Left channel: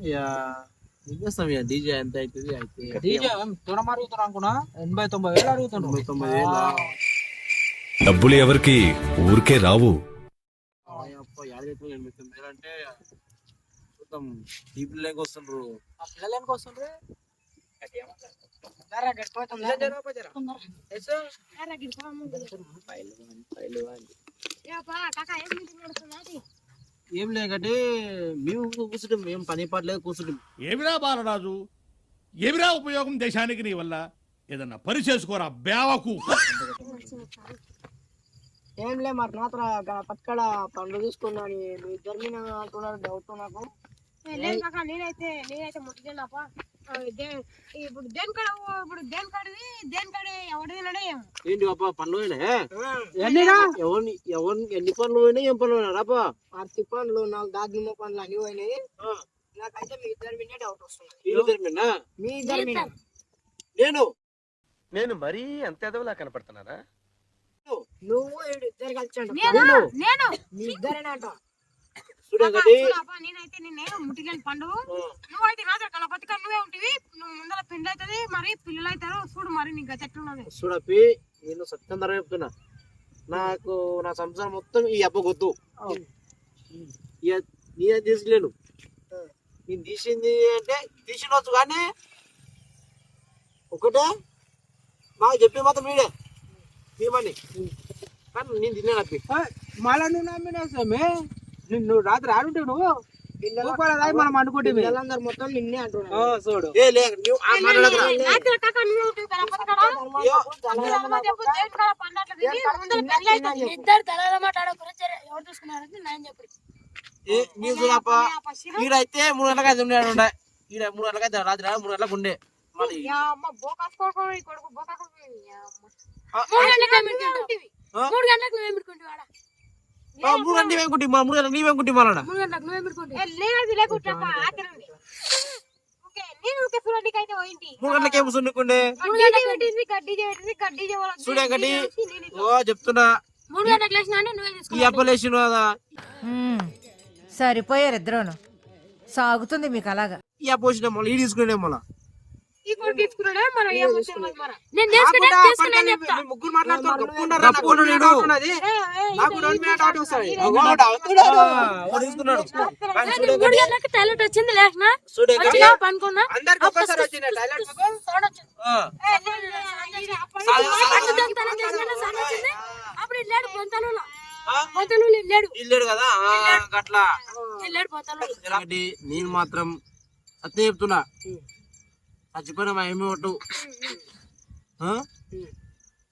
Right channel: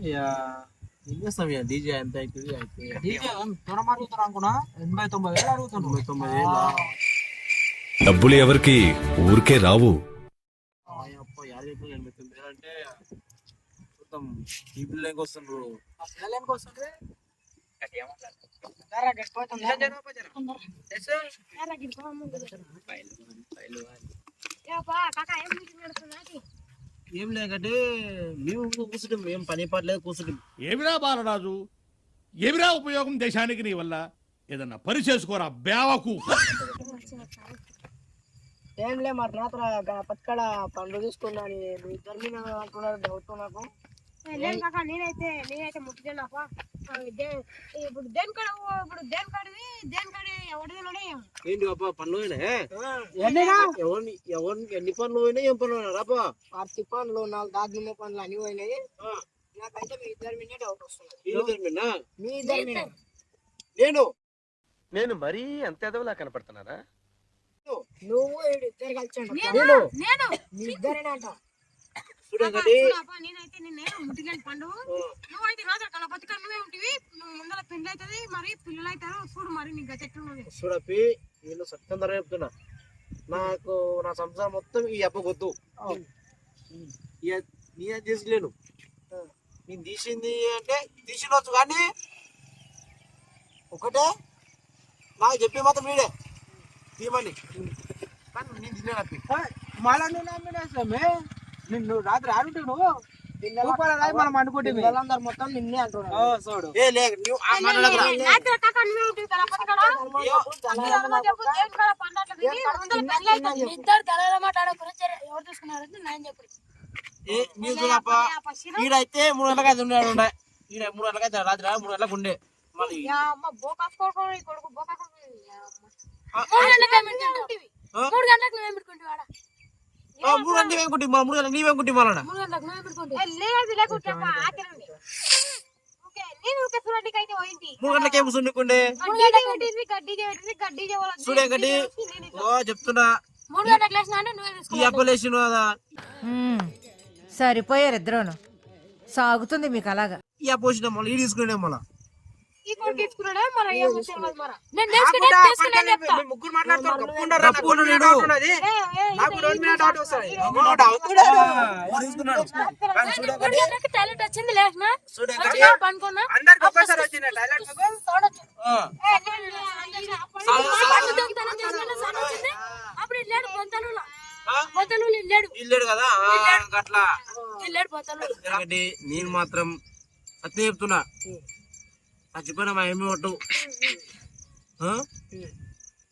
ఇక ఏం చేస్తాం ఇక? డీజే ఎంత అవుతుంది? అయితే డీజే అనుకున్నా? ఎనభై తొంభై వేలు తొంభై డబ్బులు ఎవరికి? ఊరికే రావు. ఎనభై తొమ్మిది వేలు అంటే చూద్దాం. ఈ పిల్లలకి వస్తుండ్రు పిల్లలు ఎందుకు వస్తుండ్రు? ఏం లేకంటే మేము కూర్చుంటాం ఏం పని పాటలేదు కూర్చుంటాం ఏమిరా బాలరాజు? ఏమిరా ఉపయోగం దేశానికి నీ వల్ల? ఏదన్నా పని చేసుకోరా బేవకు ఏం లే మరి నాత్ర పట్టుకడ పండ్లు తీసుకున్నాను మీ ఇద్దరు మీద అంటున్నారు డౌట్ నాకు. నేనైతే నేనైతే ముట్టుకున్నాపా ఇప్పుడు దేని కాడ ఇప్పుడు దేని కాడది? దేని కాడ? ఎవరి తినడే ఏమో. ఏంటి పాప పనులు? ఎవరిని ఎవరిని ఎన్ని పనులు పోయినా ఏం పనులు పోయినా రాపా అరటి పండ్లు నాకు దాగిన పండ్లు అన్ని పోయినాయి. నాకైతే మీ ఇద్దరి మీద డౌట్ వస్తున్నది వీళ్ళు తెరిమినా మీ ఇద్దరి మీద నేను. నేను మరీ అంత ఎదవలా కనపడుతున్నారా నువ్వు ఇద్దరు కలిసి. నేను? నేను? మీ ఇద్దరేనంట. చూడండి చూడప్పా, నేనైతే నిన్నే ముట్టికెళ్ళి పండు. నువ్వైతే రాజా కల బతుక నువ్వే ఉంటివి. నువ్వు ముందర పిండి అవుతుంది మరి పిల్లలు అవుతారు చూడు మరి నీకు చెట్లున్నది చూడపి నేను సత్యం ధర చెప్తున్నా. నాకు నా సంసారం మొత్తం ఈ అప్ప గొద్దు నీ తీసలేను నేను తీసింది అంటే తీసినవచ్చు కానీ ఒకటే నాకు చెప్పి మాత్రం వీడే తీయమని. కానీ నేను తిన్నాను అప్పి. మళ్ళా నువ్వు నమ్మినేసామే నిన్ను రాత్రి ఆడుంటే నువ్వు? మనం అనుకుంటే మొత్తం నిన్నే ఈడైతే మూడు గంటలకు అయితే ఉన్నాడు ఉండే ఈడ మూడు గంటలకు రాత్రి మూడు గంటలకు ఉండే. మూడు గంటలకు? ఆ? మూడు మూడు నీవేం మూడు నీవేం గంటలకు నువ్వేం గంటలకి ఏం సున్నుకుండే చూడే గడ్డి. ఓ చెప్తున్నా. మూడు గంటలకు లేచినా అంటే నువ్వే ఈ తీసుకున్నావు అప్పలేసిన కదా మ్మ్. సరిపోయారు ఇద్దరును. సాగుతుంది మీకు అలాగా. ఈ వచ్చిన మళ్ళీ ఈ మళ్ళా? టాయిలెట్ వచ్చింది లేచినా వచ్చింది అప్పుడు లేడు పొంతలలో ఆ? పొంతలు లేడు ఇల్లేడు కదా ఎందుకంటే నేను మాత్రం అత్తే చెప్తున్నా చచ్చిపోయిన మా ఏమి ఒట్టు?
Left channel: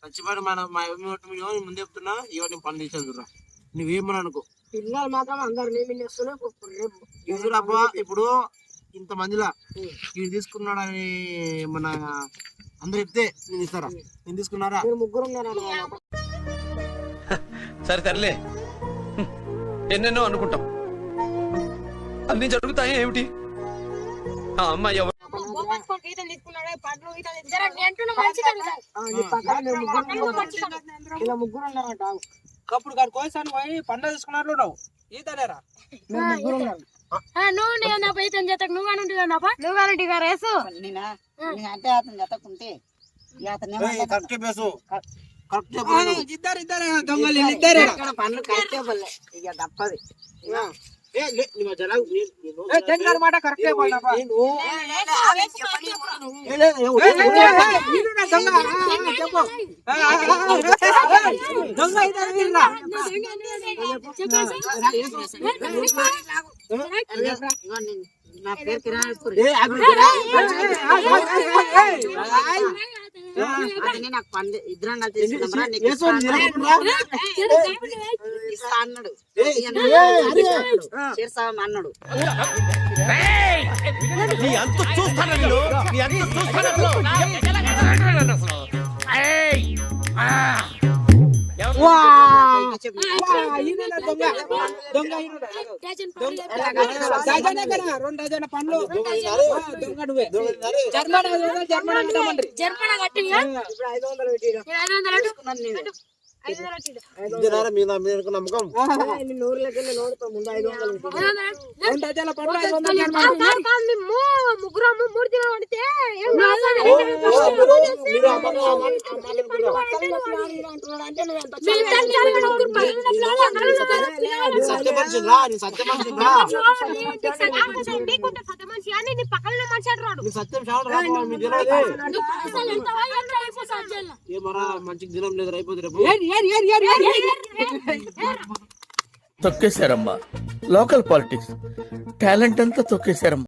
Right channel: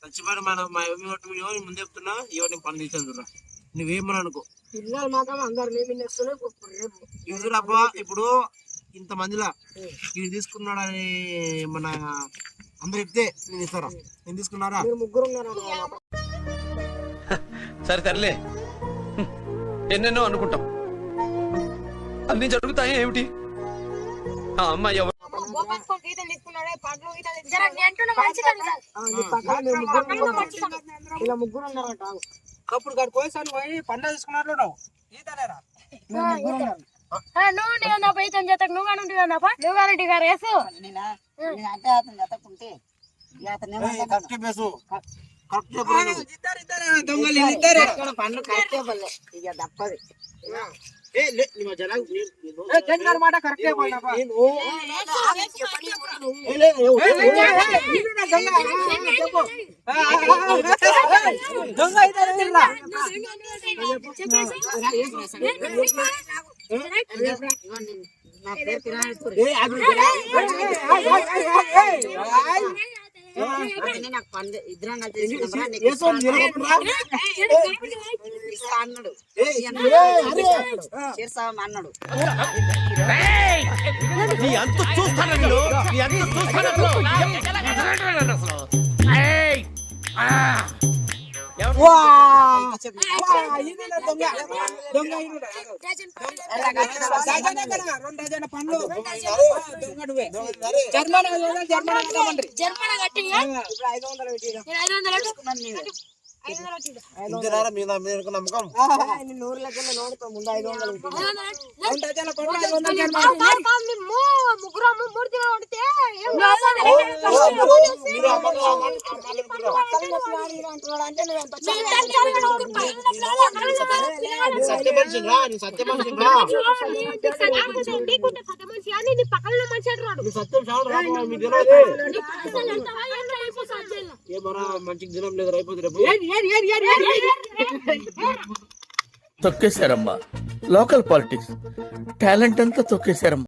చచ్చిపోయిన మన మా ఏమి ఒట్టు ఎవరు ముందు చెప్తున్నా ఎవరు నేను పని తీసాను చూడరా నువ్వేమని అనుకో. పిల్లలు మాత్రం అందరు చూడబ్బా ఇప్పుడు ఇంత మందిలా ఇది తీసుకున్నాడని మన అందరు చెప్తే నేను ఇస్తారా? నేను తీసుకున్నారా? ముగ్గురు ఉన్నారు? సరే సర్లే. ఎన్నెన్నో అనుకుంటాం. అన్ని జరుగుతాయి ఏమిటి? ఆ అమ్మాయి ఎవరు? ముగ్గురు ఉన్నారు. ఇలా ముగ్గురు ఉన్నారంట ఆగు. అప్పుడు కాదు కోసాను పోయి పండుగ తీసుకున్నారు నువ్వు ఈతలేరా? మీరు ముగ్గురు ఉన్నారు ఆ, నువ్వు నీ నా పై తను చేతకు నువ్వు అని ఉంటుంది కదా నువ్వు కానీ ఇక రేసు బేసు కరెక్ట్ చెప్పు ఇద్దరు ఇద్దరు దొంగలు ఇద్దరు ఇక్కడ పండ్లు కరెక్టే పల్లె ఇక తప్పది. తెంగారు మాట కరెక్టే దొంగ. నా పేరు అతనే నాకు పండు ఇద్దరం అన్నాడు. చేస్తాం చూస్తాను నేను పండ్లు జర్మన్ జర్మన్ జర్మన్ కట్టి ఐదు వందలు నమ్మకం? నూరు లెక్కలు నోడుతో ముందు ఐదు వందలు ముగ్గురము మూడు పడితే సత్యం సత్యం మంచి దినం లేదు తొక్కేశారమ్మా. లోకల్ పాలిటిక్స్ టాలెంట్ అంతా తొక్కేశారమ్మా.